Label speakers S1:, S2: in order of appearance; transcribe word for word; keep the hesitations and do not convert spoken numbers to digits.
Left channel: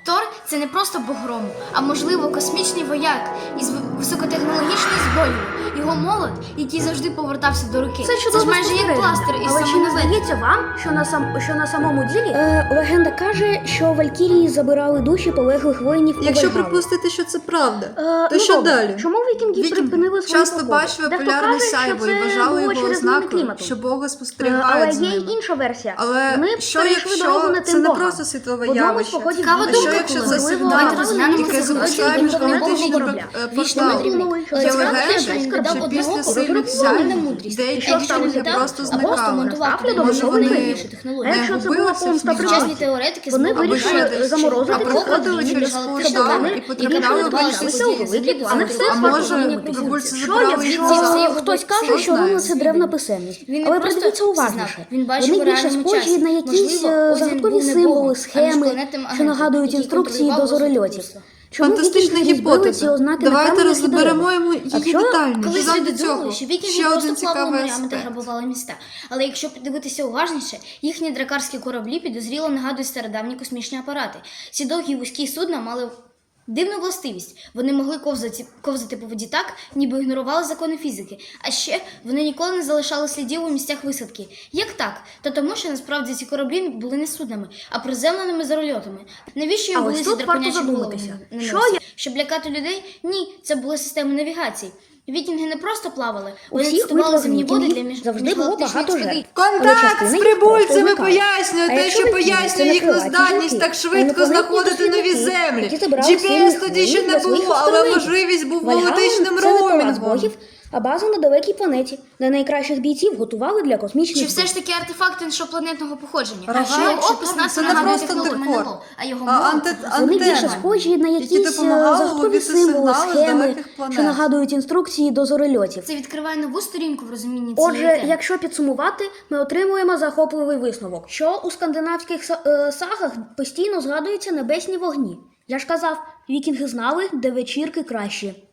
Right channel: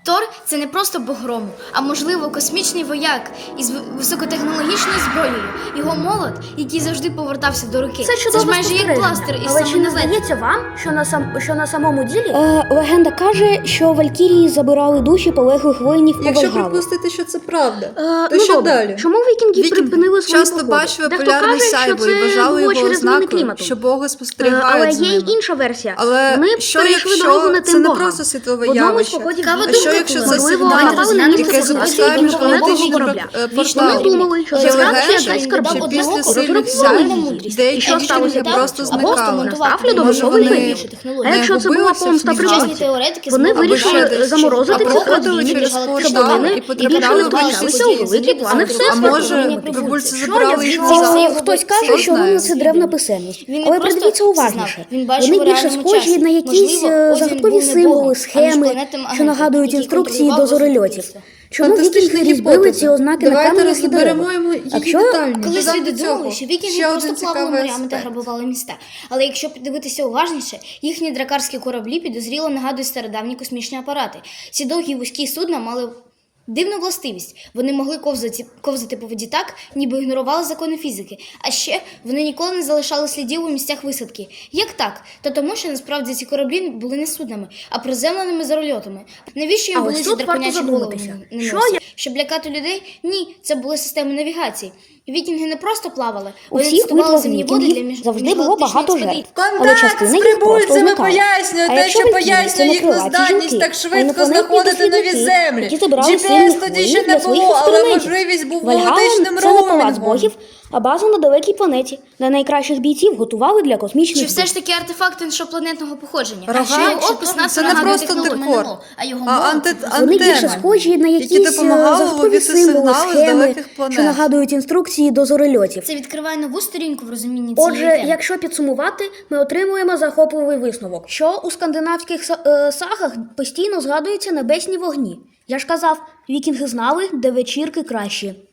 S1: Тор – це не просто бог грому, а, можливо, космічний вояк із високотехнологічною зброєю. Його молот, який завжди повертався до руки.
S2: Це чудово
S1: ж майже як
S2: спостереження.
S1: пластир із
S2: Але чи
S1: самої
S2: не
S1: назад.
S2: здається вам, що на, сам, що на самому ділі е, легенда каже, що валькірії забирали душі полеглих воїнів у
S3: Якщо
S2: Вальгалу?
S3: припустити, що це правда,
S2: Е,
S3: то
S2: ну,
S3: що
S2: добре.
S3: далі?
S2: Чому вікінги
S3: Вікінги
S2: припинили свої
S3: часто
S2: походи?
S3: бачили
S2: Дехто
S3: полярне
S2: каже,
S3: сяйво
S2: що
S3: і
S2: це
S3: вважали
S2: було
S3: його
S2: через зміни
S3: ознакою,
S2: клімату.
S3: що боги
S2: Е,
S3: спостерігають
S2: Але
S3: за
S2: є й
S3: ними.
S2: інша версія.
S3: Але
S2: Вони
S3: що
S2: перейшли дорогу
S3: якщо
S2: не
S3: це
S2: тим
S3: не
S2: богам.
S3: просто світове
S2: В одному з
S3: явище?
S2: походів
S1: Цікава
S3: А
S2: вікінгів,
S3: що якщо це
S2: можливо,
S3: сигнал,
S2: напали на
S1: яке
S3: яке
S2: місце
S3: запускає
S2: знаходження
S3: міжгалактичні
S2: корабля?
S3: портали?
S2: Вони думали, що
S3: Є
S2: це
S3: легенда,
S2: дасть
S3: що
S2: скарбів.
S3: після
S2: Одного
S3: сильних
S2: розрахунку
S3: сяйв
S1: мудрість.
S3: деякі
S2: Що сталося
S3: вікінги
S2: так?
S3: просто
S1: А просто
S3: зникали.
S1: монтувати
S2: Ставлю до
S3: Може,
S2: нової
S3: вони
S2: новіші
S1: технології.
S2: А якщо це була
S3: губилися в
S2: помста
S3: сніжку?
S1: Сучасні
S2: природі?
S1: теоретики
S2: Вони
S1: змогли
S2: вирішили
S1: вважати,
S2: заморозити
S1: що
S2: ці
S3: проходили
S2: події
S3: через
S1: міжгалактичні
S3: кордони
S1: плани
S3: і
S1: і
S3: потрапляли
S1: потрапляли
S3: до
S1: до
S3: інших
S1: інших
S3: світів.
S1: землі до
S2: Вони
S1: центру.
S2: все
S3: А
S2: Це
S3: може,
S1: Вони
S3: прибульці
S1: Що
S3: забрали
S1: я
S3: їх
S1: звідси
S3: назад?
S1: все
S2: Е,
S1: його
S2: Хтось
S1: все
S2: каже, що
S1: знає.
S2: руни це древна писемність.
S1: Він не
S2: Але
S1: просто
S2: придивіться
S1: це
S2: уважніше.
S1: знав, він бачив
S2: Вони
S1: у
S2: більше
S1: реальному
S2: схожі
S1: часі.
S2: на якісь
S1: Можливо,
S2: е,
S1: Одін
S2: загадкові
S1: був не
S2: символи,
S1: богом, а
S2: схеми,
S1: міжпланетним
S2: що
S1: агентом,
S2: нагадують
S1: який
S2: інструкції до
S1: контролював
S2: зорольотів.
S1: розвиток.
S2: Чому
S3: Фантастична
S2: вікінги збили ці
S3: гіпотеза.
S2: ознаки на
S3: Давайте
S2: кам'яних
S3: розберемо
S2: ідеях?
S3: йому
S2: А
S3: її
S2: що,
S3: детальніше.
S1: Колись
S3: Заради
S1: люди думали,
S3: цього
S1: що вікінги
S3: ще
S1: просто
S3: один
S1: плавали
S3: цікавий
S1: морями та
S3: аспект.
S1: грабували міста. Але якщо подивитися уважніше, їхні дракарські кораблі підозріло нагадують стародавні космічні апарати. Ці довгі вузькі судна мали дивну властивість. Вони могли ковзати, ковзати по воді так, ніби ігнорували закони фізики. А ще вони ніколи не залишали слідів у місцях висадки. Як так? Та тому, що насправді ці кораблі були не суднами, а приземленими зорольотами. Навіщо їм
S2: А
S1: були
S2: ось
S1: ці
S2: тут варто
S1: драконячі голови
S2: задуматися.
S1: на
S2: Що
S1: носі?
S2: я-
S1: Щоб лякати людей? Ні, це були системи навігації. Вікінги не просто плавали,
S2: У
S1: вони
S2: всіх
S1: тестували
S2: битвах
S1: земні води для
S2: вікінгів
S1: між...
S2: завжди було
S1: міжгалактичних
S2: багато
S1: експедицій.
S2: жертв. Але
S3: Контакт
S2: частина
S3: з
S2: їх просто
S3: прибульцями
S2: зникала.
S3: пояснює
S2: А
S3: те,
S2: якщо
S3: що
S2: вікінги
S3: пояснює
S2: це
S3: їхню
S2: накриваті
S3: здатність
S2: жінки,
S3: так
S2: а
S3: швидко
S2: інопланетні
S3: знаходити нові
S2: дослідники,
S3: землі.
S2: які забирали
S3: джі пі ес
S2: сильних
S3: тоді ще
S2: воїнів
S3: не
S2: для своїх
S3: було, але
S2: експериментів.
S3: можливість був
S2: Вальгалла
S3: галактичним
S2: – це не палац
S3: роумінгом.
S2: богів, а база на далекій планеті, де найкращих бійців готували для космічних
S1: Чи все ж
S2: битв.
S1: таки артефакт іншопланетного походження?
S3: Рога?
S1: А ще його опис нас
S3: Це не
S1: нагадує
S3: просто
S1: технологію
S3: декор,
S1: МНО, а його
S3: а
S1: мова
S3: анте-
S1: це
S2: Вони більше
S3: антенна,
S2: схожі на
S3: які
S2: якісь
S3: допомагали
S2: загадкові
S3: ловити
S2: символи,
S3: сигнали з
S2: схеми,
S3: далеких планет.
S2: що нагадують інструкції до зорольотів.
S1: Це відкриває нову сторінку в розумінні цієї
S2: Отже,
S1: теми.
S2: якщо підсумувати, ми отримуємо захопливий висновок, що у скандинавських са- е, сагах постійно згадуються небесні вогні. Я ж казав, вікінги знали, де вечірки кращі.